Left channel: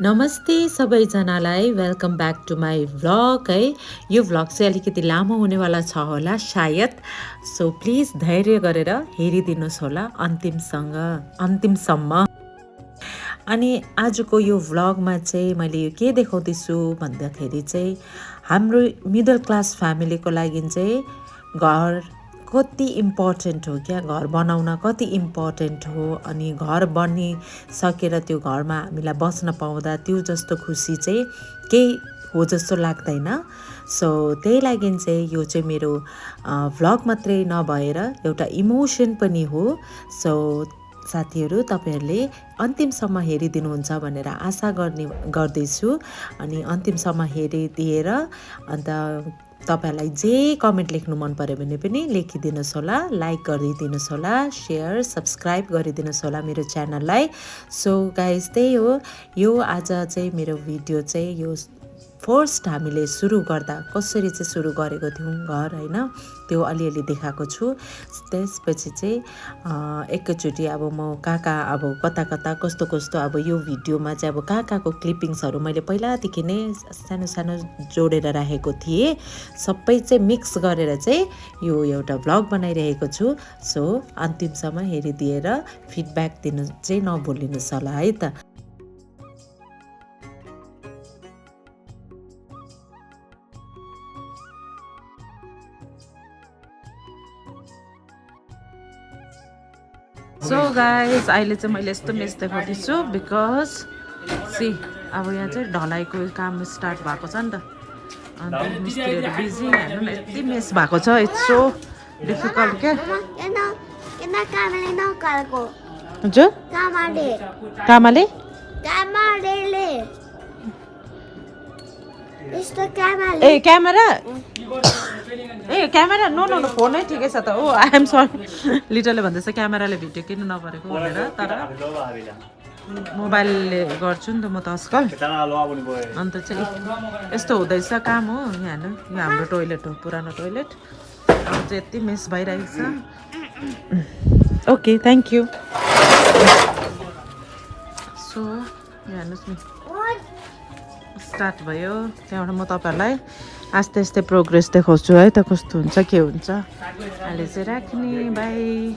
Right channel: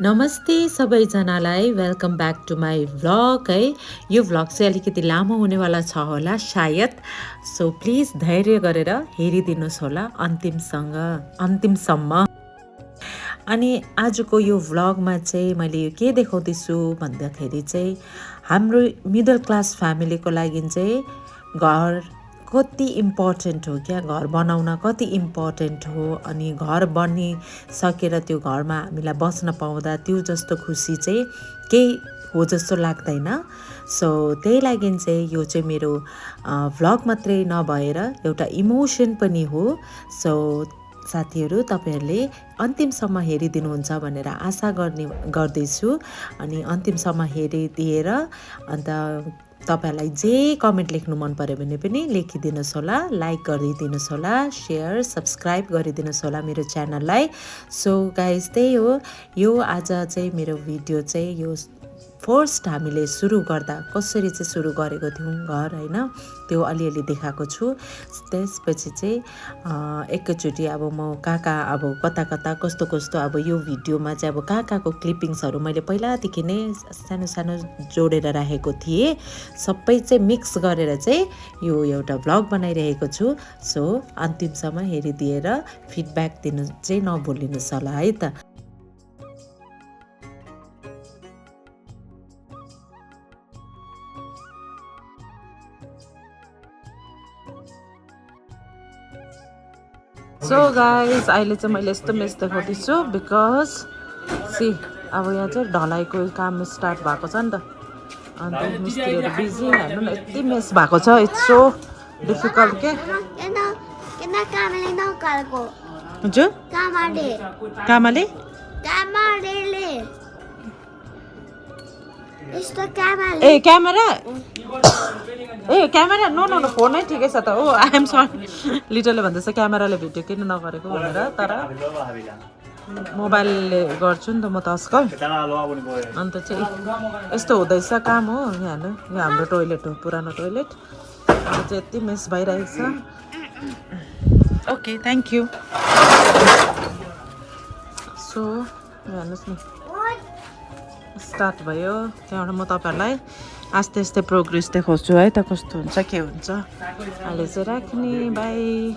नमस्ते सबैजनालाई welcome back to my vlog है। यो भ्लग चाहिँ अलिकति लामो हुनेवाला छ होला सायद, सो प्लिज धैर्य गरेर हेरिदिनुहोस् होला अन्तिमसम्म। अनि आजको यो भ्लगमा चाहिँ मैले यो के देखाउँदैछु भन्दाखेरि चाहिँ हाम्रो मिडल क्लास फ्यामिलीको लागि चाहिँ घर कति इम्पोर्टेन्ट हो, क्या घर बनाउन कति इम्पोर्टेन्ट हो। अनि घर बनिसकेर त्यो घरमा हामीलाई बस्न पाउँदा त्यो जस्तो खुसी चाहिँ केही हो जस्तो लाग्दैन। सो त्यही लागि चाहिँ यो चाहिँ मेरो भ्लग मात्रै नभएर एउटा इमोसन पनि हो। सो साथीहरू, तपाईँहरूले अन्तिमसम्म हेरिदिनुहुन्छ भनेर आशा गर्दैछु। अनि अन्तिमसम्म हेरिदिएर अन्त तपाईहरूलाई जे कमेन्ट लेख्नु मन पर्यो भने पनि लेखिदिनुहोस् होला, लाइक गरिदिनुहोस् होला, सेयर सब्सक्राइब गरिदिनुहोस् होला मेरो च्यानललाई। सो गाइज त्यही हो, यो आज चाहिँ मेरो भिडियो चाहिँ यो फर्स्ट हामीले सुरु गर्दा कसरी चाहिँ सुरु गरेको थियौँ घर होइन, त्यो अलिअलि देखाएको छु। त्यसपछि चाहिँ एकैचोटि अब म कहाँ अब कता कस्तो अब यो भिडियोमा चाहिँ अब कहाँको क्लिपिङ्सहरू मैले पहिलादेखि नै सानो सानो जोडेर राखेको थिएँ, सबै चाहिँ मिक्स गरेर चाहिँ यो एउटा भ्लग बनाइरहेको छु। सो अन्तिमसम्म हेरिदिएर फिडब्याक दिनु चाहिँ नभुलिनुहोस् होला है त। सो गाइस अहिले चाहिँ मैले यस्तो मेस देखाउँदैछु बिकज सी अब यहाँ चाहिँ ढलाइको काम स्टार्ट भएको छ नि त, अन्त मिस्त्रीहरू बिजी। हेर्नु न यति मेस भएको छ, इट्स सो डिफिकल्ट के हजुर। कामाले ए क्यामेरा नो फोनै ठिकै छ त। ओ आई एम सरी, लिटरले भन्दैछ क्यामेराले भिडियो किन नगरेको भनेर, तर मोबाइलले गर्छु नि त म त आजकल। अन्त चाहिँ यस्तो हुँदैछ काम हो। यहाँ हेर्नु, यो हाम्रो टोइलेट हो, पुरानो टोइलेट। अब चाहिँ यति मेस भइरहेको छ। Okay thank you. सो यहाँ हेर्नुहोस् न, स्टार्ट भयो। त्यहाँबाट म तपाईँहरूलाई आस्ते आस्ते प्रोग्रेस देखाउँछु है त, कस्तो हुन्छ के हुन्छ। अहिले चाहिँ राख्ने bye.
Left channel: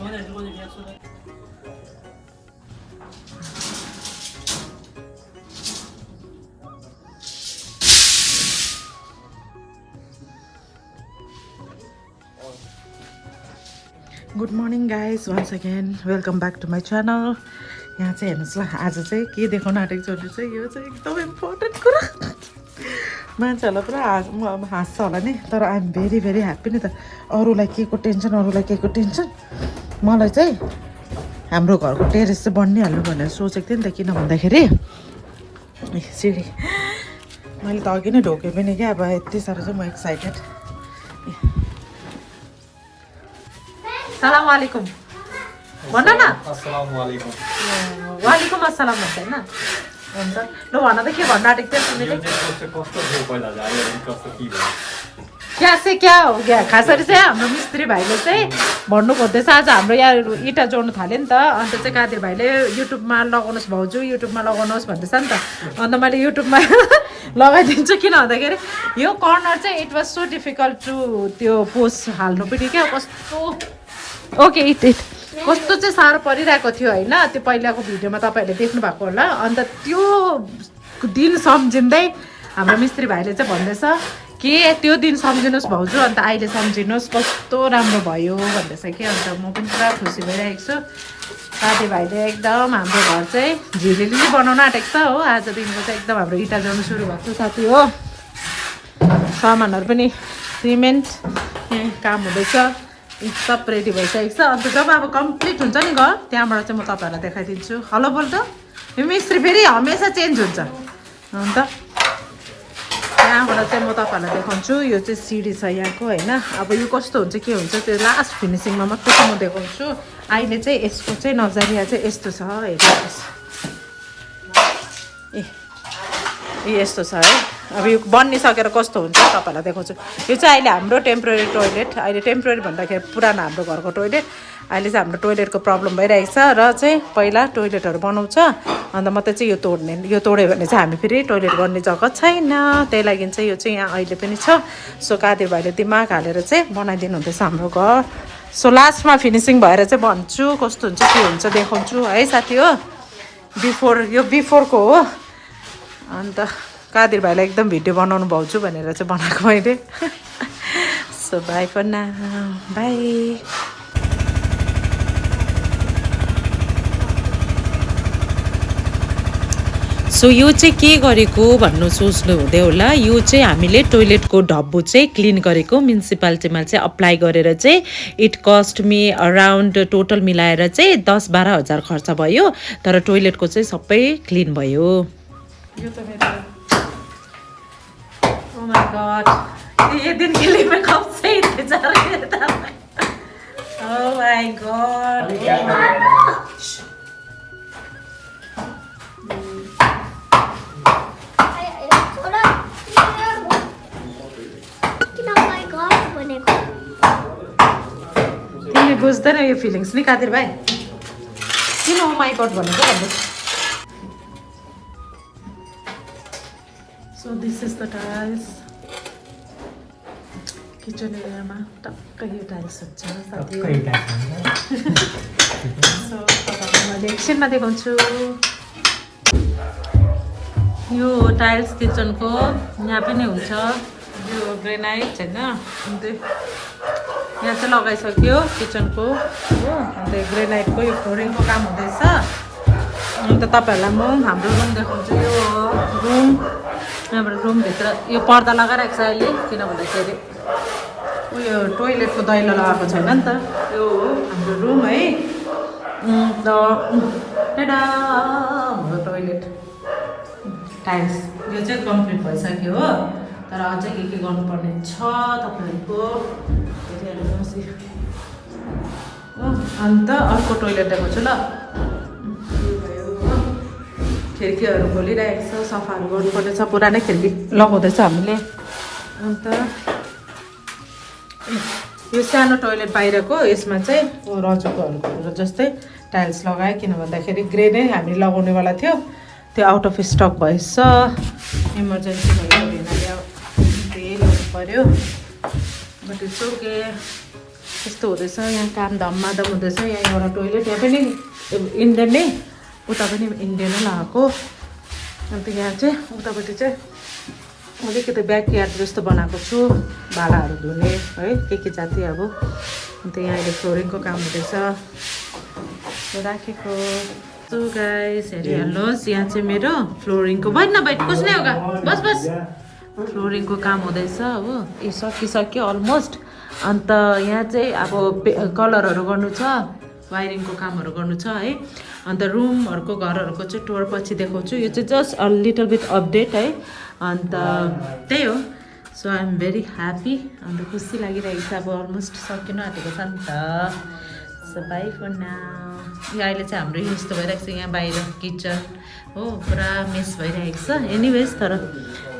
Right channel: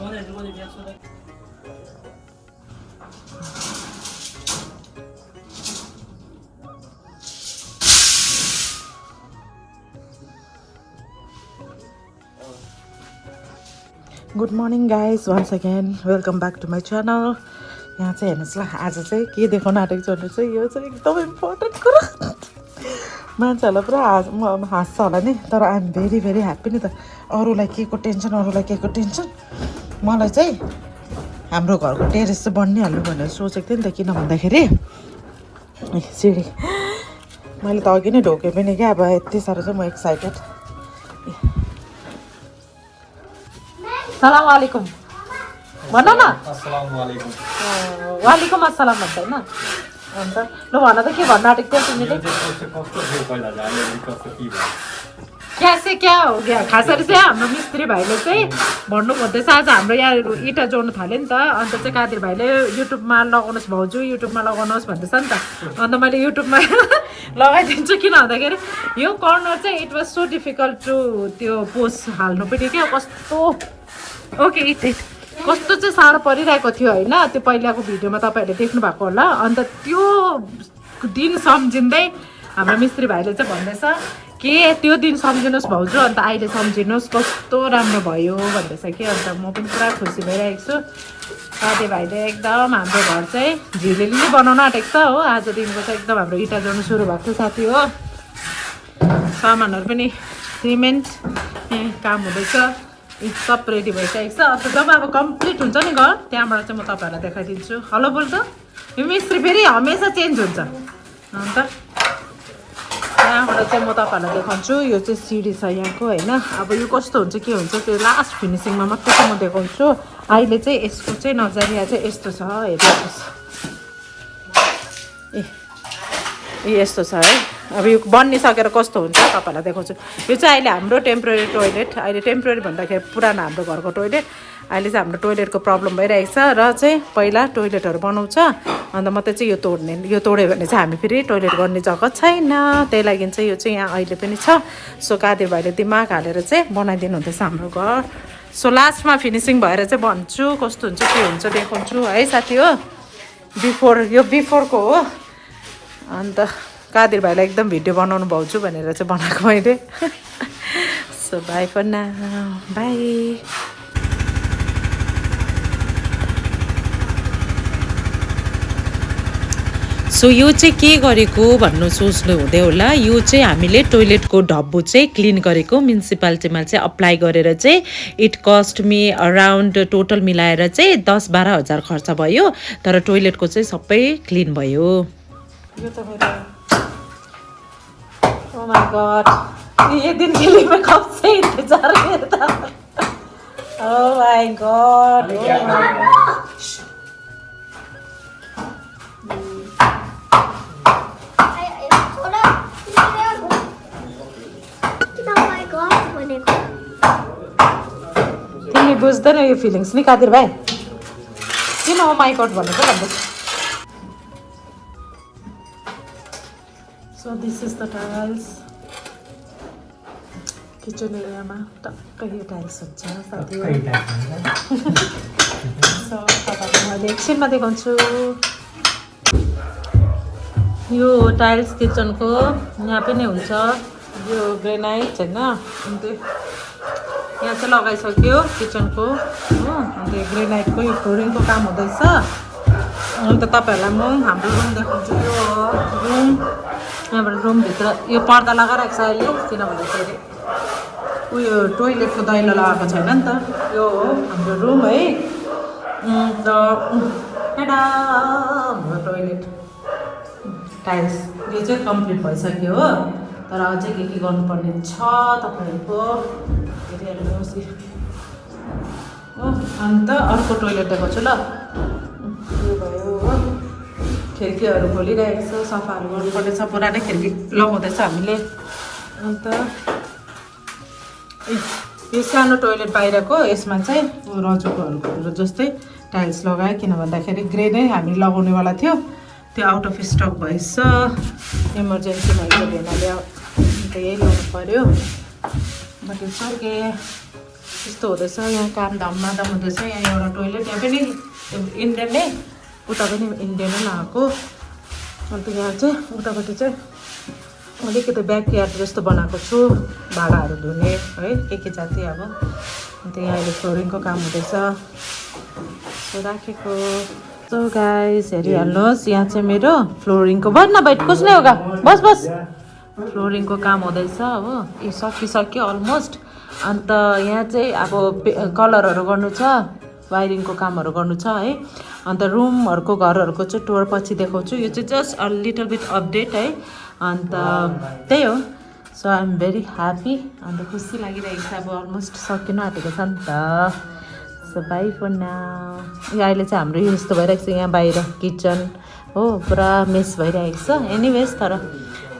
Good morning guys, once again welcome back to my channel. यहाँ चाहिँ हेर्नुहोस् ल, आज चाहिँ के देखाउन आँटेको छु भने चाहिँ यो चाहिँ एकदम इम्पोर्टेन्ट कुरा। मान्छेहरूलाई पुरा हाँस्छ होला नि, तर I am very very happy नि त। अरूलाई के को टेन्सन, मलाई चाहिँ हाम्रो घरको टेरेस चाहिँ बनिहाल्नु भनेर सोचेको थिएँ नि त। किन भन्दाखेरि सिँढी मैले त अघि नै ढोकेँ पनि क्या, अब यति साह्रो चाहिँ म एक्साइटेड। सलाम वालेकुम भन न। वालेकुम अस्सलाम भन्छ होइन। अन्त ल भन त, के भन्न आँटेको थियो तिमीले? क्या हो क्या खास गरी चाहिँ हाम्रो मिस्त्री भाइले चाहिँ भन्नु खोज्दैछ। आज हाम्रो यहाँ इँटा जोड्नु थाल्यो नि त, अन्त चाहिँ कादिर भाइले युट्युबमा लगाउनुहोस् भाउजू, युट्युबमा लगाउनुहोस् भन्दैछ नि त। अन्त मैले युट्युबमा लगाइदिन्छु, किन भन्दाखेरि यो कर्नर चाहिँ it was so difficult to त्यो पोस्ट हाल्नु पनि क्या। कस्तो ओके कस्तो चाहिँ साह्रो परिरहेको थियो होइन, त्यो पहिलाको भिडियोमा तपाईँहरूले देख्नु भएको होला। अन्त त्यो दिन सम्झिँदै हाम्रो मिस्त्री भाइले चाहिँ भन्दैछ कि त्यो दिन सम्झिनुहोस् भाउजू, अन्त अहिले सम्झिनुहोस् कस्तो राम्रो भयो भन्दैछ कि। अन्त म पनि पुरा खुसी भइरहेको छु। साथीभाइले एकदम हाम्रो घर चाहिँ झिलिली बनाउन आँटेको छ हो। आजदेखिको चाहिँ एकदम हाम्रो इँटा जोड्नु सुरु भएको छ साथी हो। सामानहरू पनि सिमेन्ट काम हुँदैछ, सब रेडी भइसकेको छ। अन्त जब अब कम्प्लिट हुन्छ नि घर, त्यहाँबाट चाहिँ म तपाईँहरूलाई देखाइदिन्छु। हेलो बोल त, यो मिस्त्री फेरि हमेसा चेन्ज हुन्छ। अन्त त्यहाँबाट चाहिँ म तपाईँहरूलाई देखाउँछु। यो चाहिँ सिडी छ यहाँको होइन। अब यो कस्तो हुन्छ के हुन्छ त्यो लास्ट फिनिसिङमा मात्रै चाहिँ म देखाउँछु। अहिले चाहिँ यसको चाहिँ नजरिया चाहिँ यस्तो छ, हेर्नुहोस्। ए यस्तो छ है। अब यो बनिसकेर कस्तो हुन्छ तपाईँहरूलाई देखाउँछु। यो चाहिँ अहिले हाम्रो टेम्पोरेरी टोइलेट, अहिले टेम्पोरेरी भन्दाखेरि पुरानो हाम्रो घरको टोइलेट। अहिले चाहिँ हाम्रो टोइलेटको प्रब्लम भइरहेको छ र चाहिँ पहिला टोइलेटहरू बनाउँछ अन्त मात्रै चाहिँ यो तोड्यो भने चाहिँ हामी फेरि टोइलेट गर्ने जग्गा छैन त्यही लागि चाहिँ यो चाहिँ यहाँ अहिले पनि छ सो कादिर भाइले दिमाग हालेर चाहिँ बनाइदिनु हुँदैछ हाम्रो घर सो लास्टमा फिनिसिङ भएर चाहिँ भन्छु कस्तो हुन्छ के हुन्छ देखाउँछु है साथी हो यो बिफोरको हो अन्त कादिर भाइलाई एकदम भिडियो बनाउनु भाउँछु भनेर चाहिँ बनाएको मैले so bye for now bye so यो चाहिँ के गरेको भन्नु सोच्नु हुँदै होला यो चाहिँ हामीले टोइलेटको डब्बु चाहिँ क्लिन गरेको म्युनिसिपालिटीमा चाहिँ अप्लाई गरेर चाहिँ it cost me around total मिलाएर चाहिँ 10-12 हजार खर्च भयो तर टोइलेटको चाहिँ सबै क्लिन भयो यो त मेरो ओ माय गॉड ये दिन के लिए मैं कब से इंतजार कर रहा था ओ माय गॉड तिमीले बुझ्दैन यो फिलिङ्स नि कादिर भाइ किन हो माई गॉड भनेको भन्नु so this is the tiles kitchen एरियामा टक्कै यो टाइल्स हुन्छ सो तपाईँलाई मैले एकछिनमा देखाउँछु यो टाइल्स किचनको यहाँ पनि हुन्छ यो ग्रेनाइट होइन अन्त यहाँ चाहिँ लगाइसक्यो किचनको हो अन्त ग्रेनाइटको यो फ्लोरिङको काम हुँदैछ अन्त तपाईँहरूलाई म हाम्रो रुम देखाउँछु यो रुम यहाँबाट रुमभित्र यो पर्दा लगाइरहेको छ अहिले किन भन्दाखेरि उयो टोइलेटको दैलो लगाएको छैन नि त यो हो हाम्रो रुम है अन्त हाम्रो टोइलेट टाइल्स यो चाहिँ कम्प्लिट भइसक्यो हो तर अझै के गर्नुपर्ने छ तपाईँहरूको हेरिहाल्नुहोस् हो अन्त अर्को टोइलेट देखाउँछु ल यो भयो हो खिड्कीहरू खोलिरहेको छ सफाहरू गर्नुपर्ने छ पुरानै खिड्की लगाउँदैछ हामीले अन्त यो सानो टोइलेट बाहिरको यसमा चाहिँ रजोकोहरू जस्तै टाइल्स लगायो किन भन्दाखेरि ग्रे नै हामीले लगाउनेवाला थियो त्यो आउट अफ स्टक भएछ इमर्जेन्सी भएको भेनाले यही ल्याउनु पऱ्यो बट इट्स ओके त्यस्तो हुँदैछ यहाँ काम धममाधम हुँदैछ यहाँ एउटा टोइलेट यहाँ पनि इन्डियन नै उता पनि इन्डियन नै लगाएको अन्त यहाँ चाहिँ उतापट्टि चाहिँ अलिकति ब्याकयार्ड जस्तो बनाएको छु भाँडाहरू धुने है के जाति अब अन्त यहाँ अहिले फ्लोरिङको काम हुँदैछ राखेको सो गाइस हेरिहाल्नुहोस् यहाँ चाहिँ मेरो फ्लोरिङको बस्न बाइट कुछ होगा बस बस फ्लोरिङको काम हुँदैछ हो ए सकिसक्यो अलमोस्ट अन्त यहाँ चाहिँ अब कलरहरू गर्नु छ वायरिङको कामहरू गर्नु छ है अन्त रुमहरूको घरहरूको चाहिँ टुर पछि देखाउँछु यो चाहिँ just a little bit update है अन्त त्यही हो so I am very happy अन्त खुसी लागिरहेको छ अब अलमोस्ट सकिन आँटेको छ नि त सो बाई फर नाउ अहिले चाहिँ हाम्रो यो यस्तो भइरहेको छ यहाँ बाहिर किचन हो पुरा मेस भइरहेको छ एनिवेज तर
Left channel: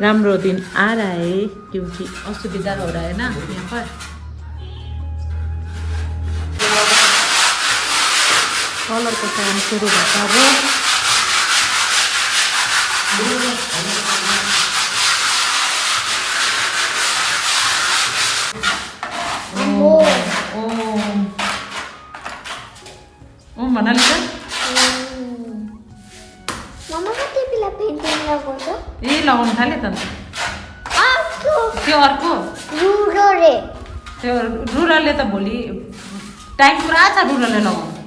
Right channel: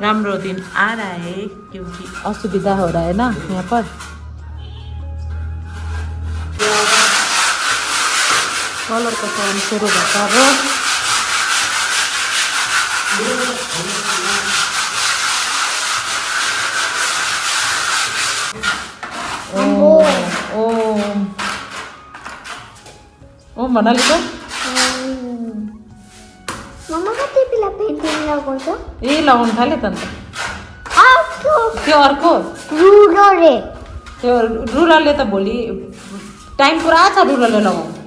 राम्रो दिन आ रहा है क्योंकि असुविधा हो रहा है ना यहाँ पर कलरको काम सुरु भएको अब भन्नाले त ए लगाउनु थाल्यो त अन्त त्यो अर्को त्यो रुरलले त भोलि टाइम पुरा छ रुरलले लगाउनु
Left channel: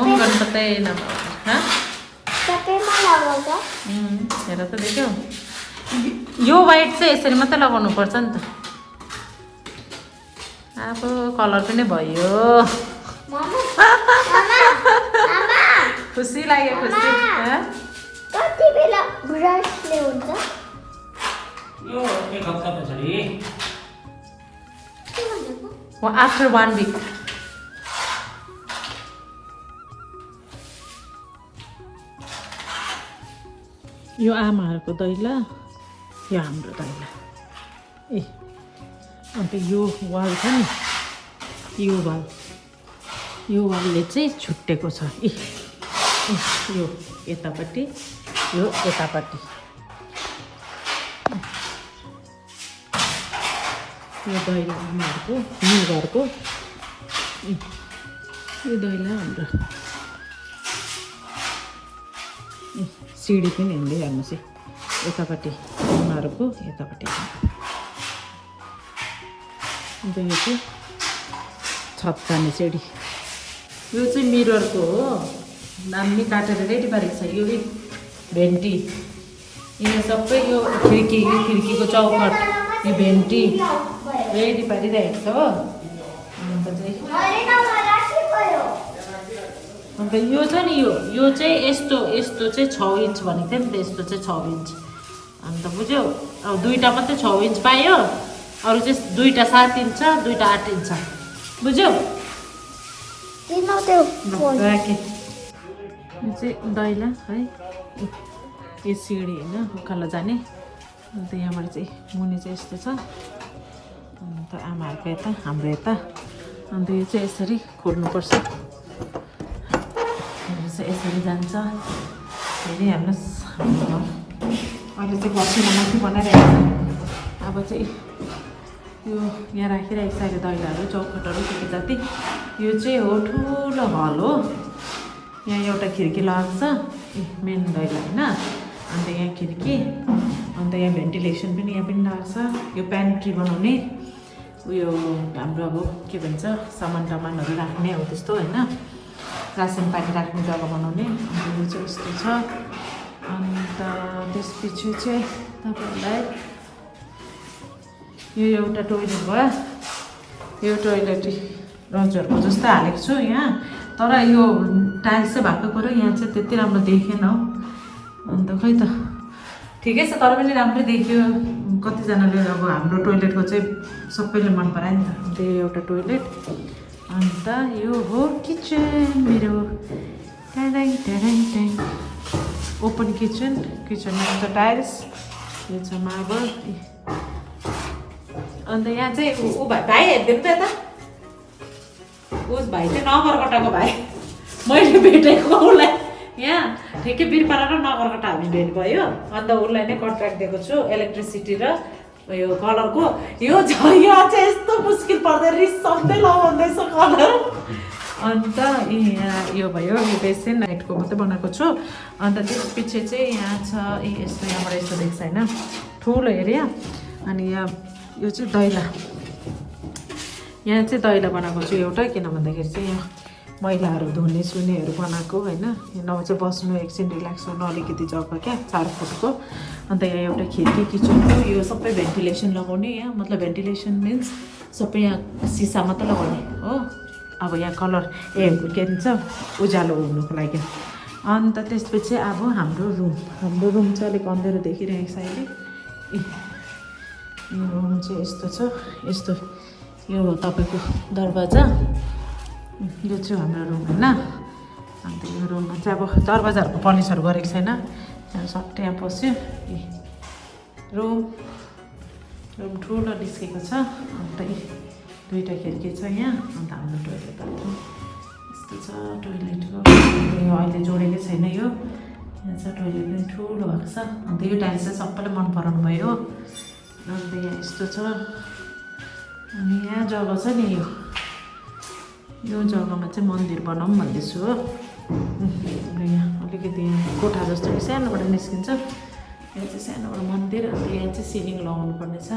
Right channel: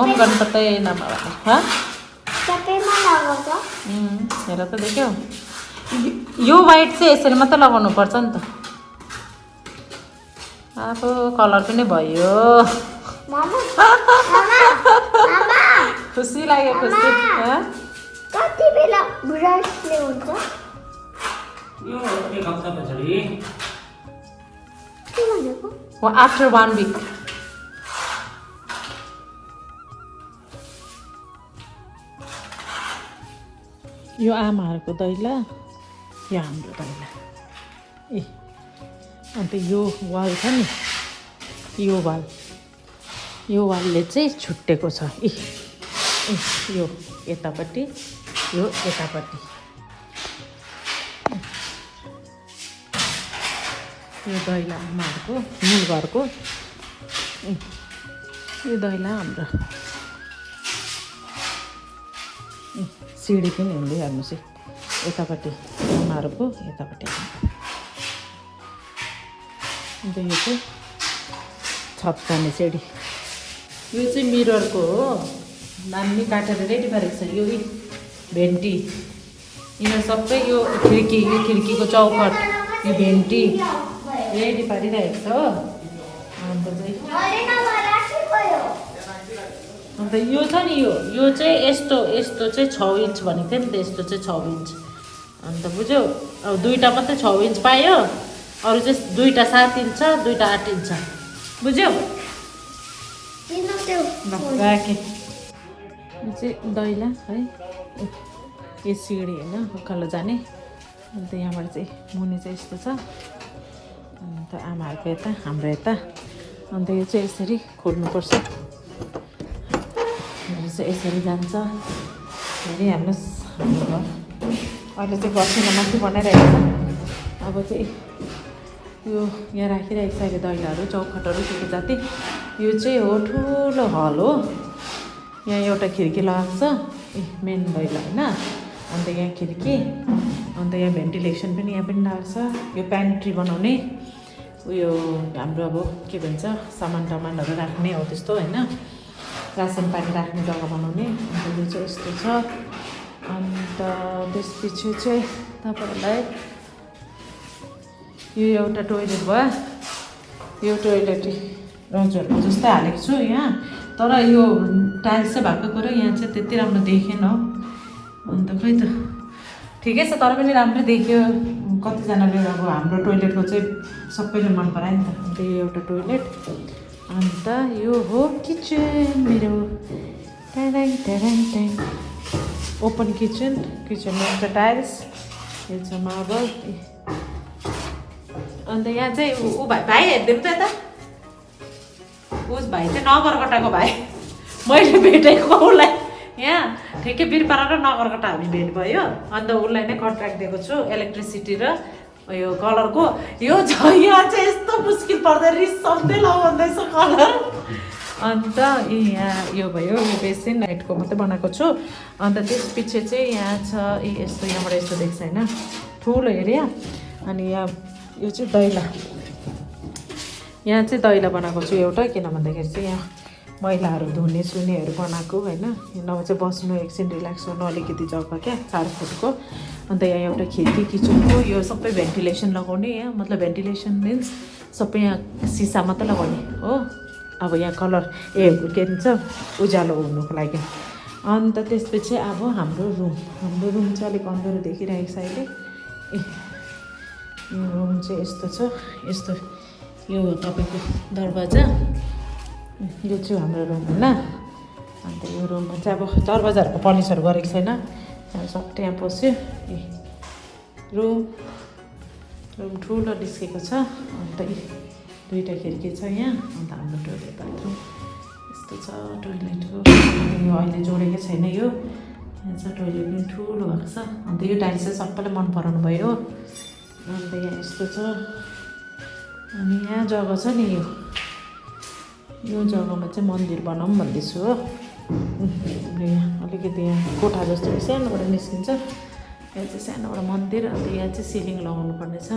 ओम गणपतये नमः हाँ हेर त देख्यौ यो वाइट चाहिँ यसरी मात्रै लगाउनु पर्छ नि त अब कलर पनि भयो खुसी लाग्यो खुसी आफ्टर 1 week यो आमाहरूको दैला यहाँ हाम्रो दैला ए अन्त यो वाल छ नि यो वालले चाहिँ छुट्टेको छ यो यतापट्टि यो यतापट्टि यो दैला आमाहरूको न्यु घरको यो दैला हाम्रो सिडी पनि हुँदै हेर्नुहोस् यतापट्टि आमाहरूको यतापट्टि अन्त यो चाहिँ छत पर्ने सिडी यो चाहिँ मिररको हो नाम नि काटेर रेडी पारेको छ यो भेन्टी यो सबै यो खिड्कीको चौकट यो भेन्टी रेडी पारिरहेको छ हो अन्त यो छ नि यो चाहिँ यस्तो चाहिँ 6 इन्च भनेको थियो नि त यस्तो चाहिँ 6 इन्च अन्त बुझ्यो अब दुईवटा मात्रै 6 इन्च पायो अरू चाहिँ दुईवटा 7 इन्च छ दुईवटा 8 इन्च छ बुझ्यो यो चाहिँ दैला है यो सिँढी होइन उकालो जाने अन्त यहाँबाट चाहिँ मुनि चाहिँ यस्तो छ अन्त आमाहरूको यता हाम्रो यता अन्त यो चाहिँ यसरी खोल्नुपर्छ यसरी जान्छ फेरि हेर्नुहोस् अहिले चाहिँ बस्ने माथि बनाइरहेको छ अब चाहिँ यो यहाँ राखिरहेको छ अहिले दैलाहरू चौखटहरू त्यो जाति यो चाहिँ हो ठुलो हल हो यहाँ एउटा खिड्की लगाएको छ मेन दैला होइन अन्त यहाँ खिड्की अन्त यहाँ भेन्टिलेसन पनि यहाँ पनि लगाएको छ यो प्यान्ट्री बनाउने उयो हाम्रो अब के भन्छ सामानहरू राख्ने हो त्यस्तो होइन रासन पानी राख्ने जग्गा बनाउने अन्त यो चाहिँ यस्तो छ अन्त त्यसपछि चाहिँ तपाईँहरूलाई यो एउटा टोइलेट भयो यो टोइलेट रन्चहरूको जस्तै हालेको छु यहाँ तर यो टाइल्स चाहिँ भएको कुरो यहाँ चाहिँ त्यति राम्रो देखेन हो अन्त खै त ठिकै छ तर पनि राम्रै देख्यो कतिजनाले अब हाम्रो टोइलेटको चाहिँ सबैले मन परायो नि त अन्त यो एउटा टोइलेट अन्त यो हो किचन मेरो ओपन किचनमा एउटा टाइल्स यो छ मार्बल अन्त यहाँ चाहिँ ऊ भाइ हेरिदिनु त यता उस भाइ चाहिँ नगरकटाको भाइ मैले भेटेको उसलाई यहाँ ठिकै बिरपाडा र नगरकटा हामी भेट भयो अन्त उसलाई नै कन्ट्र्याक्ट दिएको छु इलेक्ट्रिसिटी र यो कलरको यो चाहिँ यस्तो मुस्किल पर्दा रिसाउँदै लगाउँदैछ कलर अन्त यहाँ यो भयो यो बेसिन लाइटको मात्रै बनाएको छु अन्त त्यसपछि चाहिँ यहाँ छ यस्तो यहाँबाट यस्तो देख्छ होइन ठुलो एरिया अनि यहाँ यो चाहिँ दैला यहाँ चाहिँ दैला बनाएको छु एउटा किन भन्दाखेरि चाहिँ यहाँ मैलाहरू धुने सुनेहरू बनाएको होइन नौ चाहिँ बस्नु एकछिन रिल्याक्स गर्नु अलिकति जग्गा क्या 4 फुटको अन्त यहाँ एउटा खिड्की किचनको यो सबै भेन्टिलेसन लगाउने यहाँ मतलब भेन्टिलेसन मिन्स सबै यहाँ सिसा मात्रै लगाउने हो अब यहाँ कलर के भन्छ उज्यालो हुनुको लागि अन्त त्यसपछि अब हाम्रो रुम चाहिँ अलिक अँध्यारो देखिरहेको छ अहिले रुम चाहिँ यस्तो छ यस्तो यो तपाईँको दरवाजा यो चाहिँ हाम्रो रुम होइन अन्त यो रुममा चाहिँ अब दरवाजाहरूको फर्निचर गरेको छैन त्यहाँ सबै यहाँ पस्यो रुम ठुलो डिस्केको छ अन्त 2टा खिड्की छ यहाँ अन्त हाम्रो टोइलेट बाथरुम यस्तो छ टोइलेटको यो अहिले जोडेकै छैन यो यहाँ छ टोइलेट पनि ठुलो भएको छ अन्त यो टाइल्स चाहिँ सबैलाई मन पराउनु भयो अन्त यहाँ यस्तो छ अनि यहाँ जग्गा छ नि यो जग्गामा चाहिँ मन्दिर बनाऊँ भन्दैछु हो अलिकति यहाँ कोठा जस्तो सानोबाट निस्किन्छ यो चाहिँ सानोबाट मन्दिर अब यहाँ चाहिँ सिलिङ लगाउनु पर्नेछ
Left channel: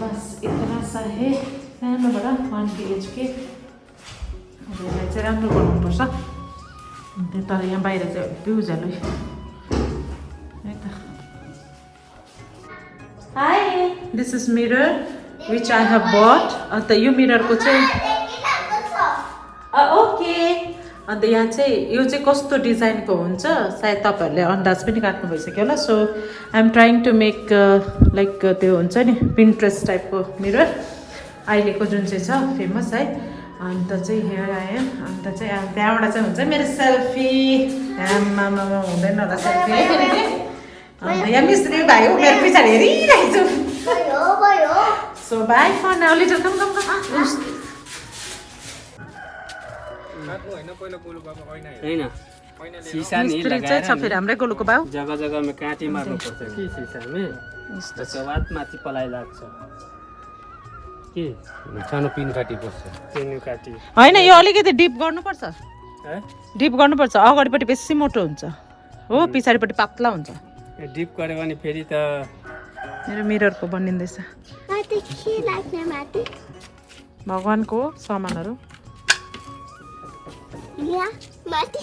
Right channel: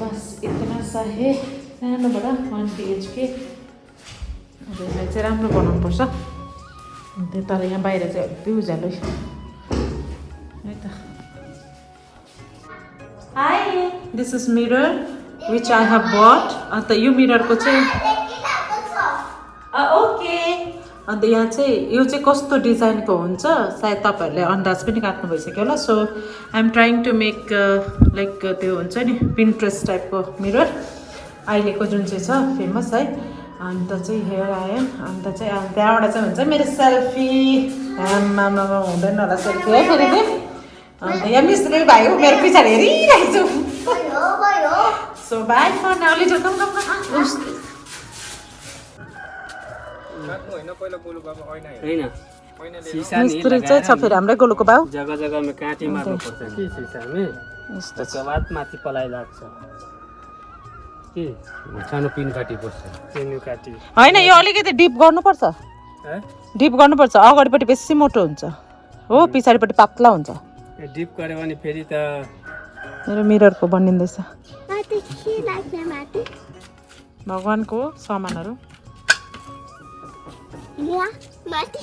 बस यति साहे सानोबाट 1 BHK चाहिँ राम्रो बनाउनुपर्छ त्यो तर यहाँ बाहिर चाहिँ त्यो उज्यालो है त high this is mirror which I have but अन्त यो मिररको चाहिँ ओके अन्त यहाँ चाहिँ यो चाहिँ कस्तो डिजाइनको हुन्छ सायद तपाईँहरूले अन्दाज पनि काट्नु भइसक्यो होला so I am trying to make like त्यो हुन्छ नि पिन्ट्रेस्ट टाइपको मिरर अहिलेको जुन चाहिँ छ फेमस है अन्त चाहिँ हेयर आएम अन्त चाहिँ त्यहाँबाट चाहिँ हुन्छ मेरो सेल्फी आमामा हुँदैन होला सेल्फी है फेरि चाहिँ यहाँ मिस्त्री भाइ हो मेरो पछाडि हेरिरहेको छु भयो so bye for now little कम कम कम होइन सिसा नि मिस्त्री चाहिँ छ फेरि हाम्रै गोलुको बाउ जग्गा जग्गामा काँटी मार्नु पर्छ कि सिसामे त्यसको बाद माथि पलाइ लाग्छ के सानो पिन काटी बस्छ पिन काटी होइन यो अलिकति डिप गर्नुपर्छ डिप गर्नुपर्छ अगाडिपट्टि बेसी मोटो हुन्छ हो पछाडिपट्टि पातला हुन्छ डिप गऱ्यो भने फेरि त मेरो मिररको बनिँदैछ माथि के लाग्ने माथि भगवान्को सामानहरू यहाँ माथि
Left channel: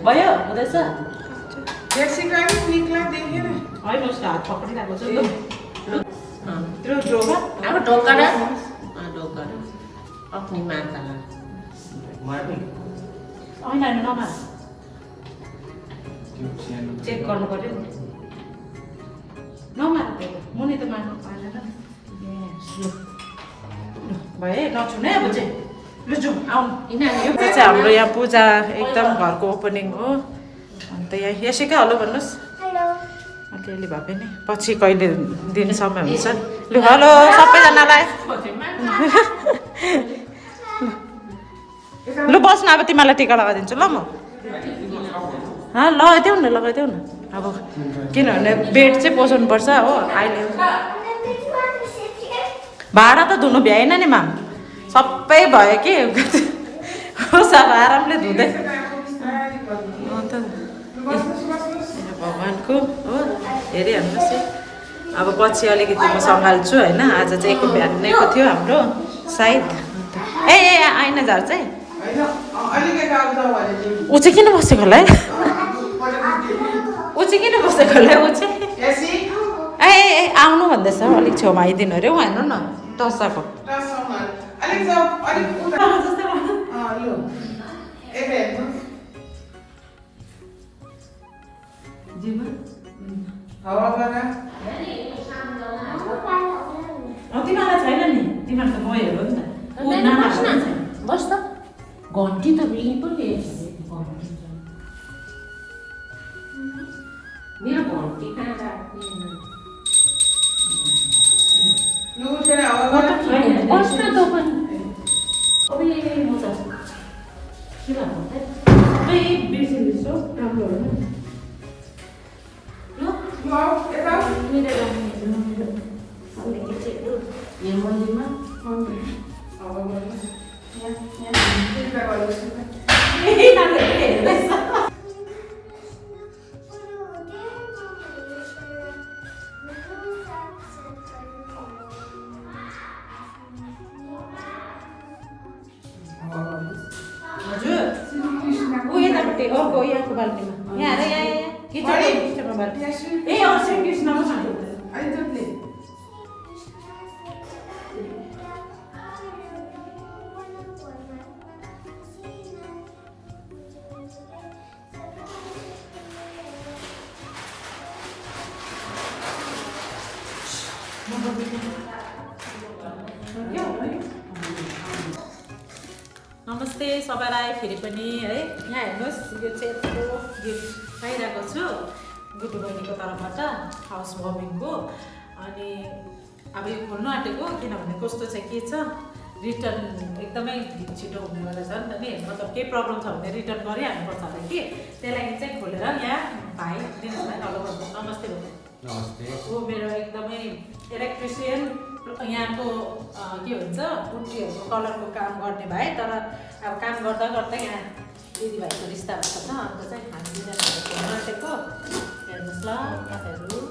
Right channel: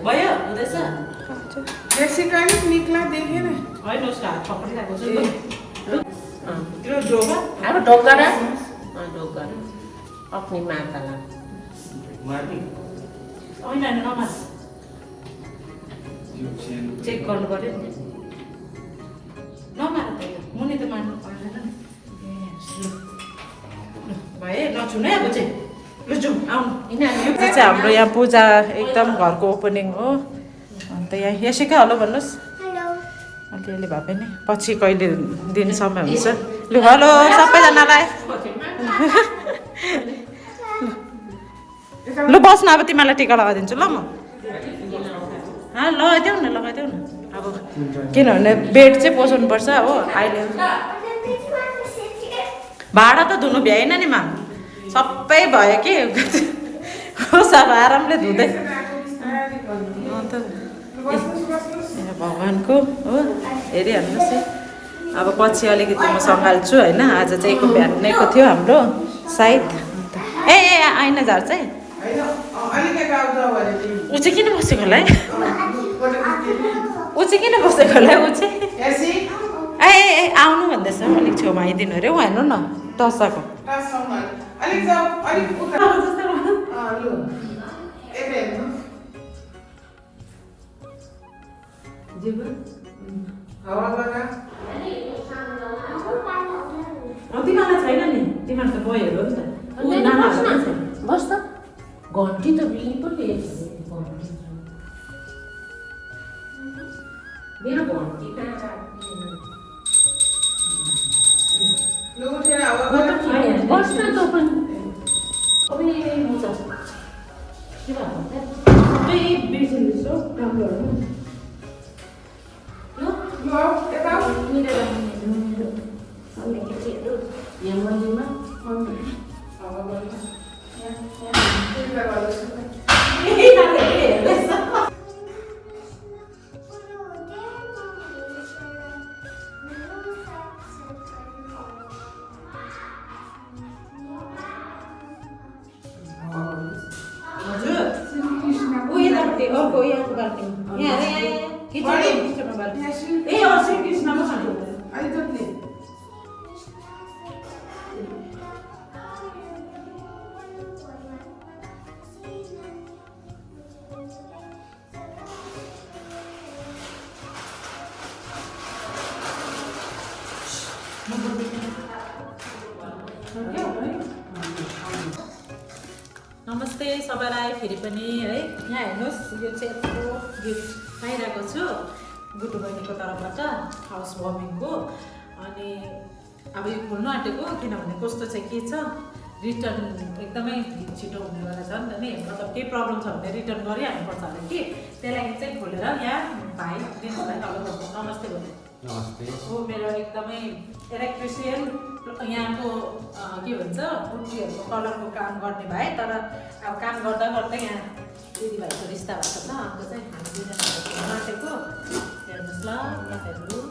भयो हुँदैछ होइन उसको हात पक्रिरहेको छु होइन होइन नमार चेक गर्नु पर्यो नि नमार मुनि त मार्नु पाएन भए लक्षुन है अब चाहिँ लु जाउँ आउनु यो चाहिँ हाम्रो यहाँ पूजा एकदम घरको ओपनिङ हो अन्त यहाँ यसैकै हेलो भन्नुहोस् हेलो अलिअलि भए पनि पछि कहिले दिन समय हुन्छ लु हेलो सबैजनालाई लु बस्न अब तिमीलाई टिका लगाइदिन्छु ल म लगाइदेऊ न अब किनभने बेड चाहिँ पोसाउनुपर्छ हो अहिले भाँडा त धुनु भ्याएन नि माम सबै भयो कि होस् अब आरामले धुँदै अन्त भगवान्को हो हेरिहाल्नुहोस् है अब पछि अलिकति म सङ्घाल्छु होइन आज चाहिँ एको बिहानैको थियो हाम्रो सायद ए आइन झार्छ है ऊ चाहिँ किन बसेको होला है ऊ चाहिँ किन बसेको होला ऊ चाहिँ ए आउनु भन्दैछ अलिक छेउमा आइदिनु अरे ऊ हेर्नु न टसाको तिमीलाई छैन नि तिमीहरू त गयो नि त नानाहरू छैन बस् त घन्टी त बिली पो लिएछ मेरो घन्टी कहाँ बस् न त पनि अब म त के भन्नु सबै बिर्सिँदैछ राम्रो यहाँ मन्दिरमा अर्को यहाँको बाल्टीमा यहाँ किचनको बाल्टी ए श्री कृष्णको छ नमस्ते सबैलाई फेरि पनि है यहाँ हेर्नुहोस् यो चाहिँ यत्रो गिफ्ट पाइरहेको छु गुड्डु बहिनीको तर्फबाट हाउस वार्मिङको अनि अब यो खोल्नु आँटेको किनभने कस्तो चाहिँ के छ रिटर्न एकदमै छिटो हुनेवाला छ नि त नि मतलब केही प्रब्लम छ भने रिटर्न गरिहाल्नुपर्छ होला कि त्यही लागि चाहिँ खोलेर यहाँ भाइ दिनुलाई हेलो भन्नु नमस्ते भन्नु नमस्ते हो मेरो एकदमै इलेक्ट्रिसियन यहाँको के भन्छ पुट्टीहरूको कलरको काम गर्ने भाइ तर अब काम गर्दा गर्दै यहाँ दिदीभाइको रिस्ता भएको छ अन्त चाहिँ हामी दिनहरू आँटेको हेर्नुहोस् ल तपाईँहरू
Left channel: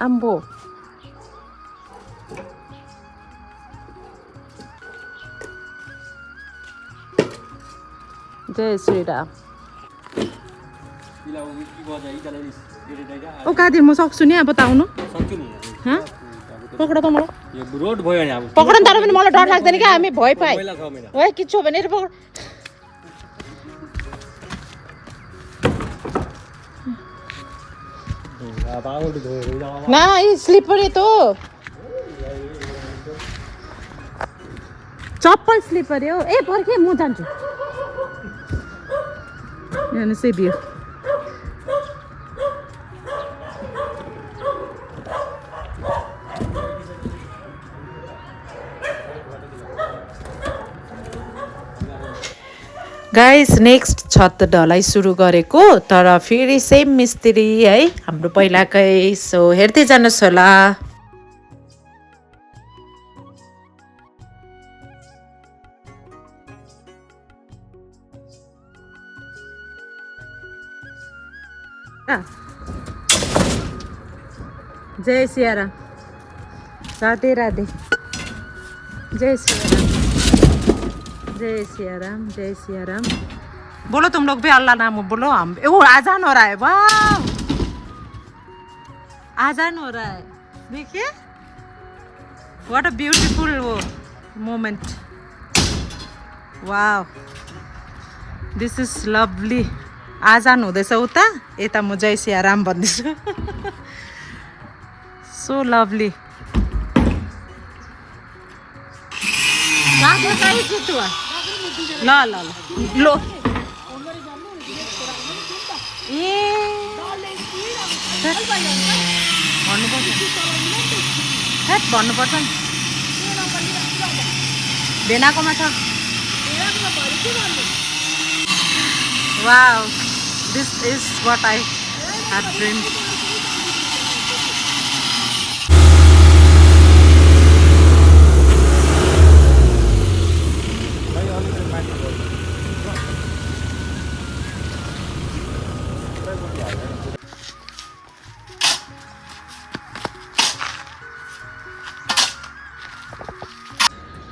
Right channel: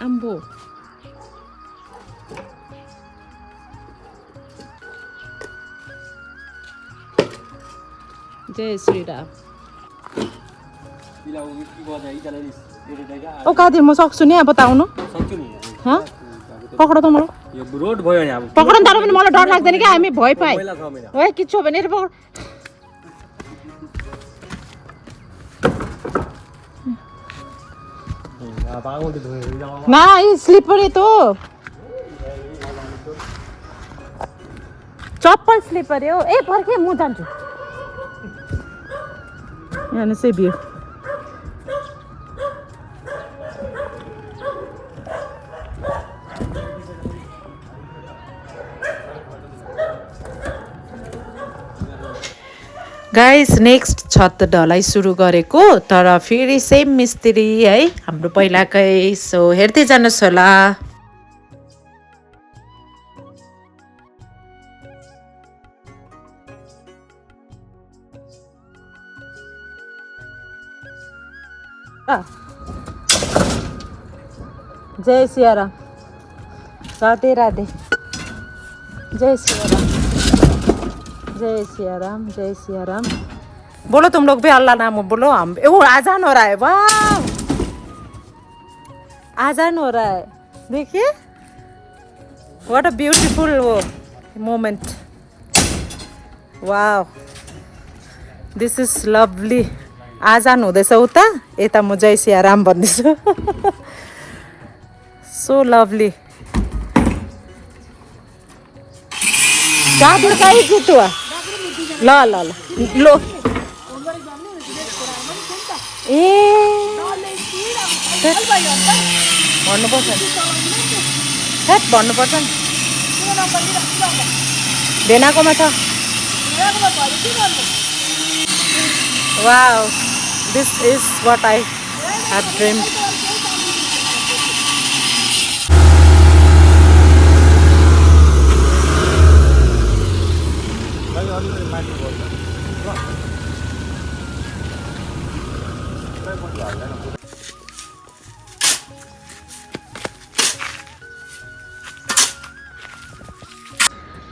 आम्बो जय श्री राम ओ कादिर म सक्छु नि अब त आउनु हँ पक्ड त मलाई यो रोड भयो नि अब पक्ड तर पनि मलाई डर लाग्दैन क्या हामी भय पाए पहिला छ महिना ओए किच्छु भनेर पक्ड ना ये स्लिपर तो चप्पल स्लिपर हो ए पर्खे म जान्छु यहाँ चाहिँ बियो गाइस नेक्स्ट छत ढलाइ सुरु गरेको तर फेरि सेम मिस्त्री है हाम्रो पहिलाकै सो हेर्दै जानुहोस् होला जय सिया राम राधे राधे जय सिया राम जय सिया राम जय सिया राम बोलो तुम लोग भी अल्लाह नाम बोलो हम ओ आजान हो रहा है वाह आजान हो रहा है देखिए व्हाट अ ब्यूटीफुल वो मोमेंट वाह दिस इज लभली आजान हुँदैछ उता यता म जय सिया राम भन्दैछु सो लभली गाडी गाडी जुटुवा ल ल ल लो ए भन्नुपर्छ हेट भन्नुपर्छ नि भेनाकोमा छ wow this is what I have dreamed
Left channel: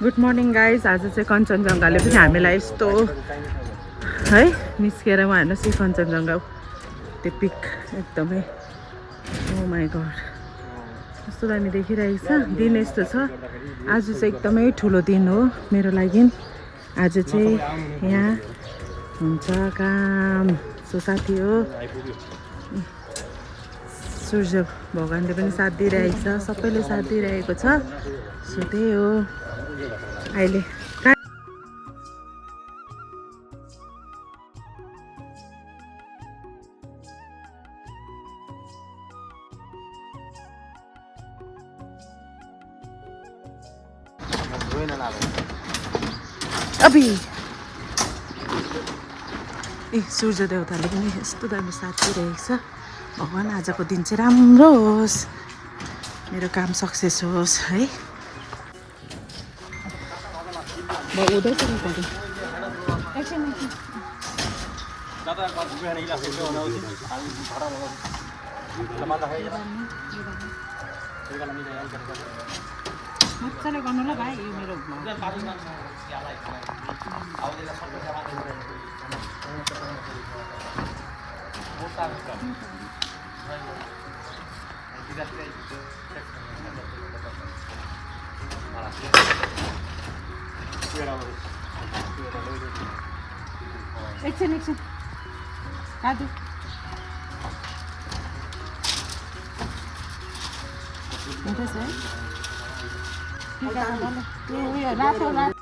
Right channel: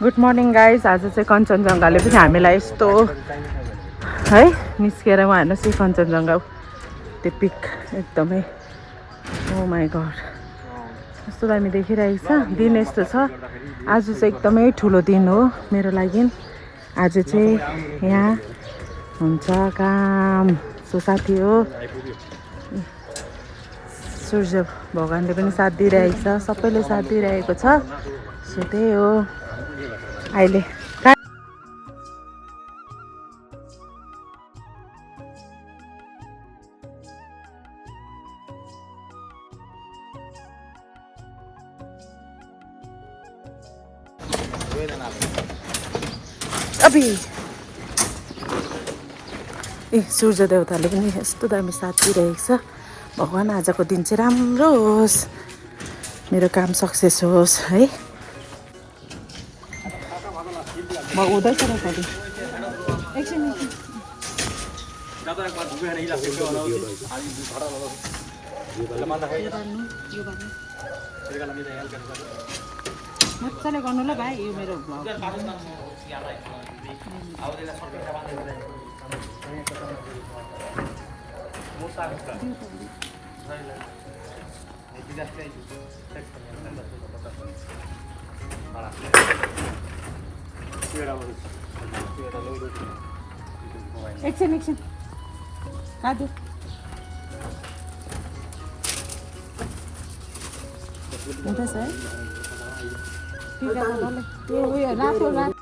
good morning guys आज चाहिँ कञ्चनजङ्घाले पनि हामीलाई यस्तो है निस्केर उहाँ हेर्नुहोस् यो कञ्चनजङ्घा त्यो पिक एकदमै ओ माई गड कस्तो दामी देखिरहेको छ दिन यस्तो छ आज चाहिँ एकदमै ठुलो दिन हो मेरो लागि आज चाहिँ यहाँ हुन्छ काम सो साथी हो सूर्य भगवान्ले पनि साथ दिइरहेको छ सबैले साथ दिइरहेको छ सो त्यही हो अहिले अबि ए सूर्य देवताले पनि यस्तो दामी साथ दिइरहेको छ भगवान् आजको दिन चाहिँ राम्रो होस् मेरो काम सक्सेस होस् है म उदैछ र सधैँ एकछिन मजाले गर्नु ल भाइ यो मेरो एकछिन काटु हुँदैछ है त्यो उयो रातो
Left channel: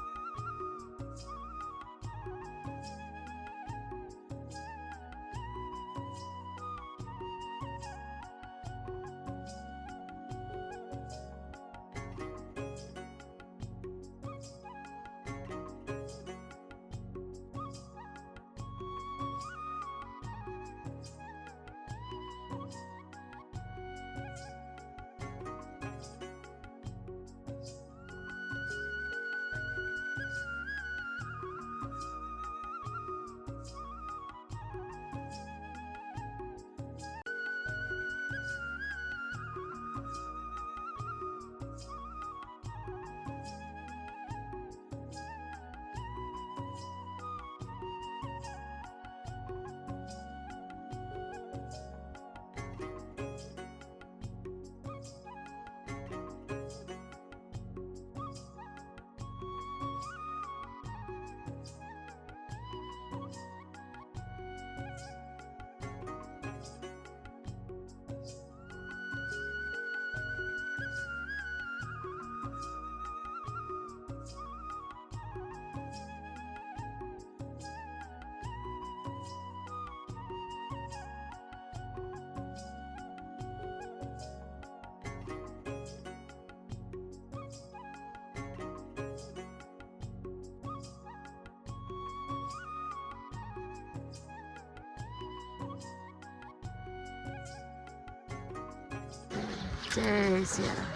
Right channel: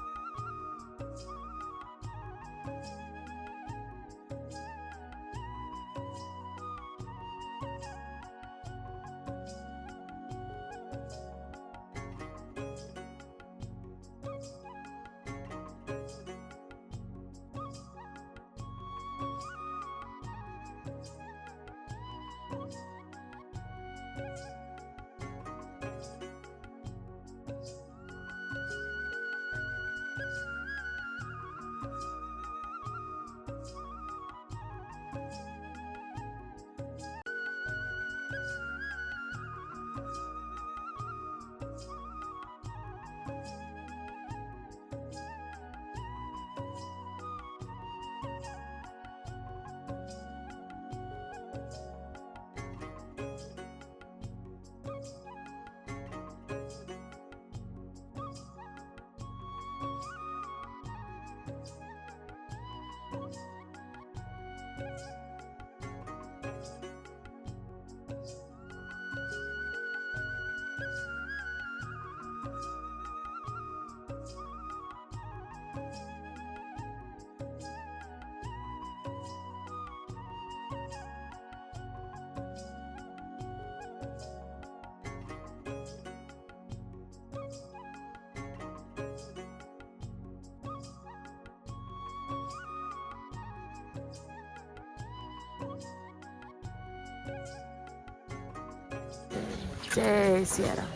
जय सियाराम,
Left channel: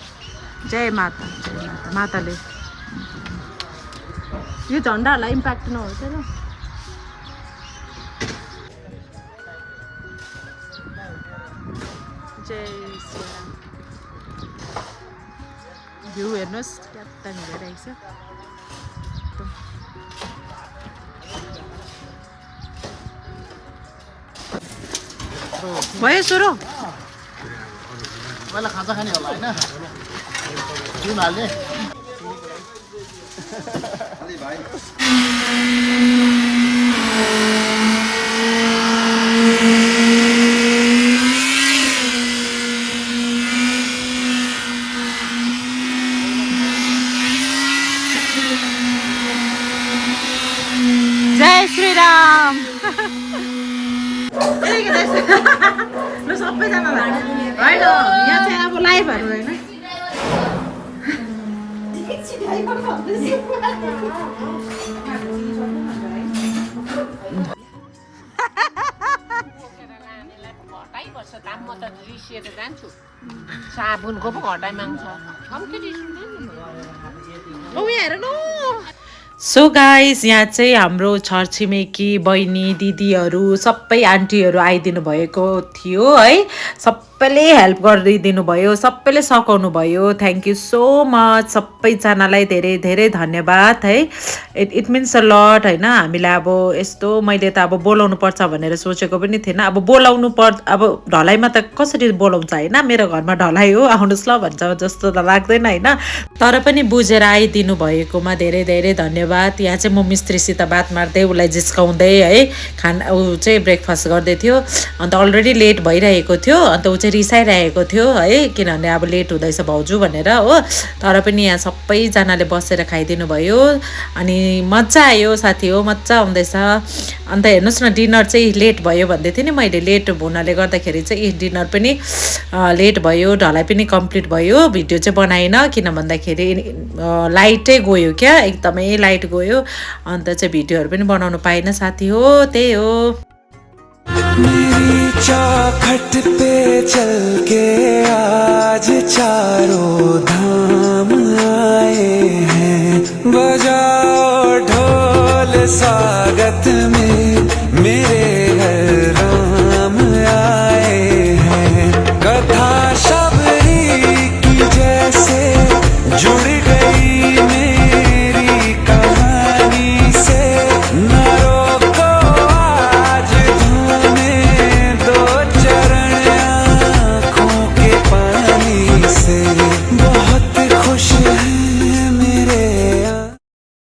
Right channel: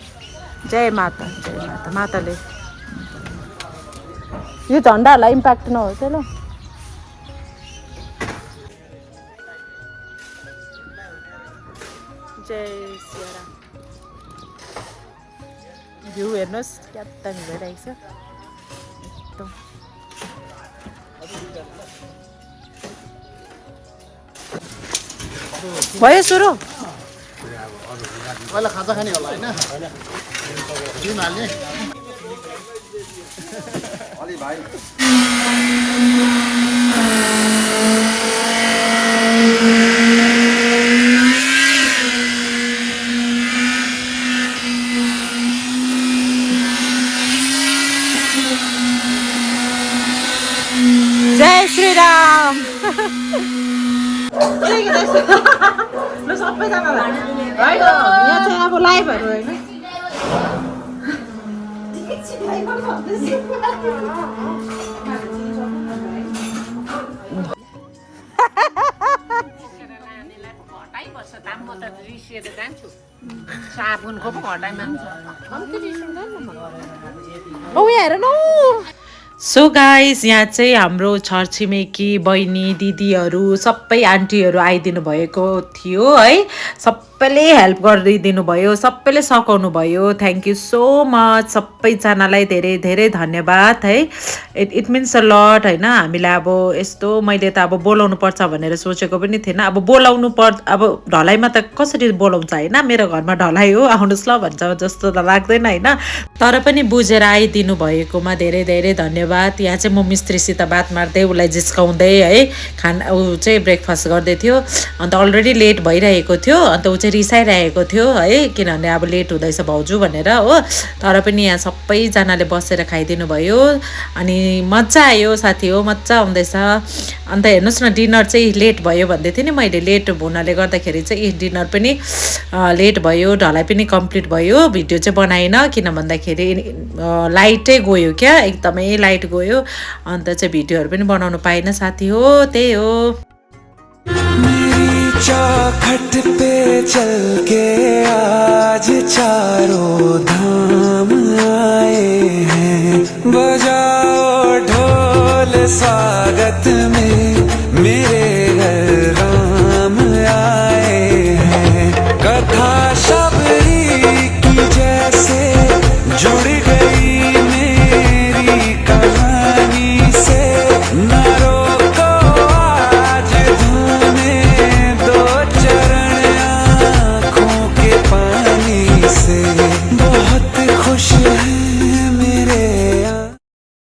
जय माता, जय माता। माताले यो झन्डाहरूलाई इम्प्याक्ट नहोस् है ल। जय सियाराम। भ्यू हेर्नुहोस् क्या दामी भइरहेको छ एकदम। भयो सुरु पहिला खाजा खाने होला होइन तिमीहरूले जय श्री राम। ल सबैजनालाई होइन यहाँ चाहिँ अब लाइभहरू होइन साबुनको पो घटाइ माग्छ कम्ती औ यहाँ हेर न। सो गाइस यहाँ चाहिँ हाम्रो छरछिमेकी बहिनी दिदीहरू सबै आन्टीहरू आइदिनु भएको थियो है। सबैले हेल्प गरिदिनु भयो, सबैले सघाउनु भयो। थ्याङ्क यू सो मच सबैजनालाई, धेरै धेरै धन्यवाद है। इट मिन्स अ लट होइन। हामीलाई अब यस्तो मैले त अब बोलाउनु पर्छ भनेर सोचेको पनि थिएन। अब बोलाउनु अब ढलाइमा त कसरी बोलाउँछ होइन, मेरो घरमा ढलाइ हो आउनुहोस् ल भन्छ जस्तो त लाग्दैन होइन। तर पनि बुझेर आइदिनु भएकोमा धेरै धेरै धन्यवाद। यहाँ चाहिँ म मिस्त्रीसित बात मार्दै उसलाई जिस्काउँदै है खाना ऊ चाहिँ ब्रेकफास्ट गर्दै थियो। अन्त अलरेडी लेट भइरहेको थियो, अन्त ऊ चाहिँ रिसाइरहेको थियो है, किनभने अब लेट हुँदैछ भाउजू भनेर हो। तर पनि यहाँ सबैजनाले बसेर खाइदिनु भयो अनि मजा आयो साथी हो, मजा आउँदैछ। अन्त हेर्नुहोस् न डिनर चाहिँ लेट भयो भन्दै थिएँ नि मैले, लेट हुनाले गर्दाखेरि चाहिँ डिनर पनि लेट भयो, ढलाइ पनि कम्प्लिट भयो। भिडियो चाहिँ बनाएन किन भन्दाखेरि लाइटै गयो क्या, एकदमै लाइट गयो, अन्त चाहिँ भिडियोहरू पनि बनाउनु पाइनँ साथी हो। त्यही हो। मेरी चौखट पे चल के आज चारों धाम आए हैं, बजाओ ढोल स्वागत में मेरे घर राम आए हैं। कथा